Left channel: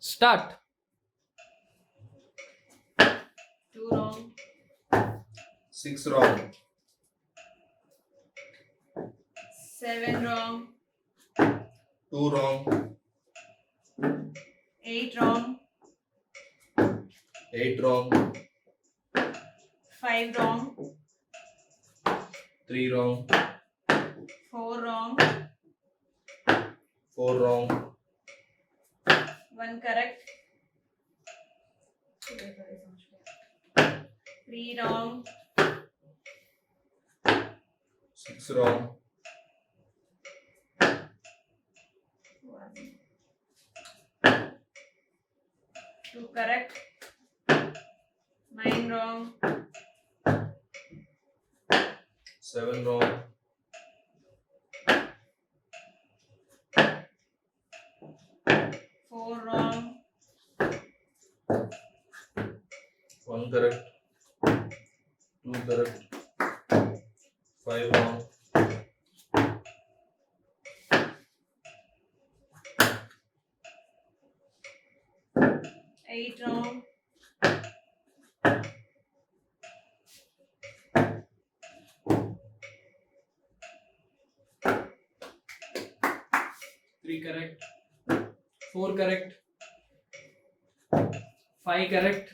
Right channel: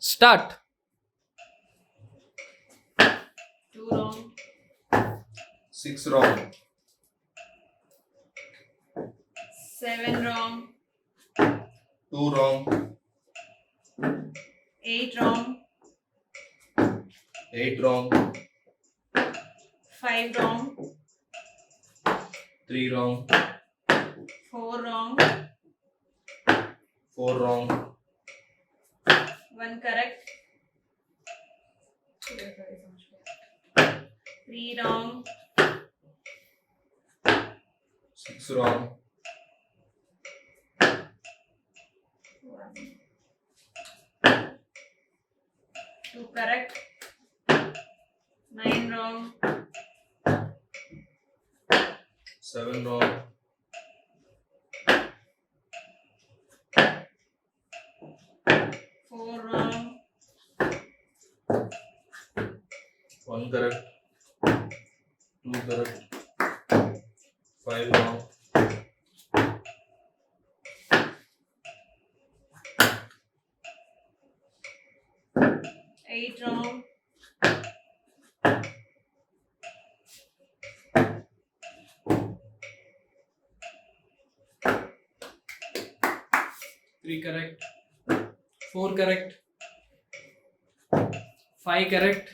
Start. 2 wrong, 6 wrong, 7 wrong, 2 wrong, 8 wrong, 8 wrong, 5 wrong, 3 wrong, 4 wrong, 4 wrong, 1 correct, 3 wrong, 6 wrong, 2 correct, 9 wrong, 7 wrong, 4 wrong, 1 correct, 2 correct, 5 wrong, 8 wrong, 3 correct. 4 correct. 5 correct.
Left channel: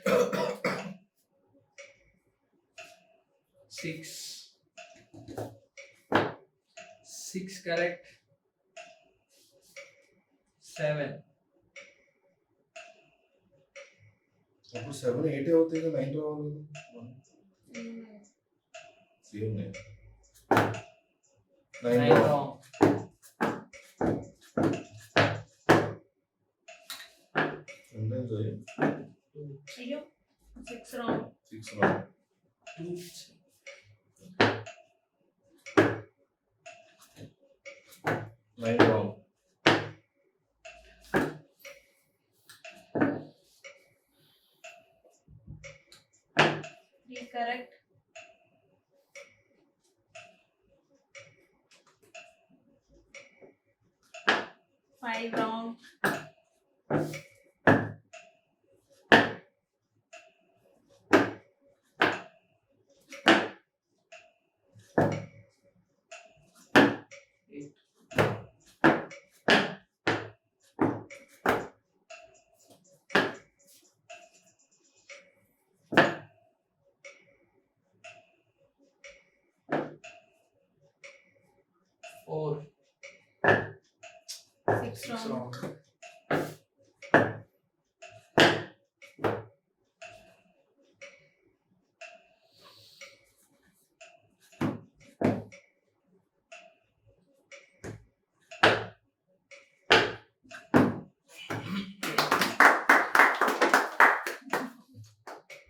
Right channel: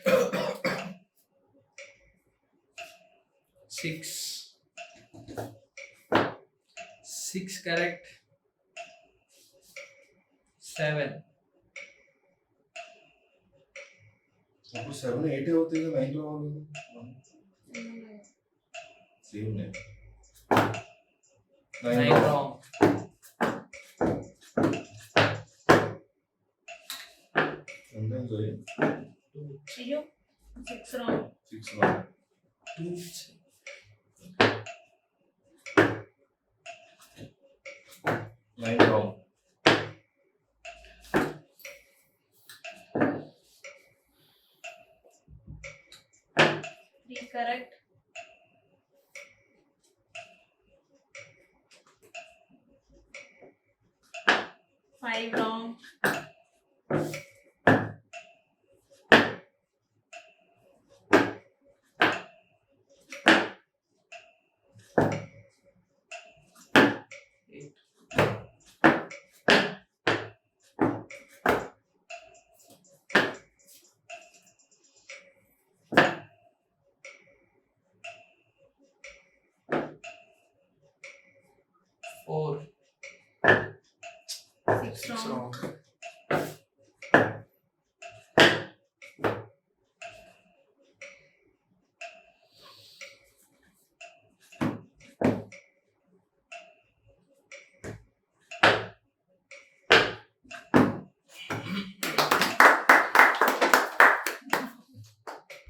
6. 6 correct. 7. అప్పుడు 7 8 అవుతాయి కదా 9 రావాలి same 9 9 wrong, wrong. sometimes అయ్యో 6 wrong, 6 wrong, 2. 9 wrong, 3 correct, 5 wrong,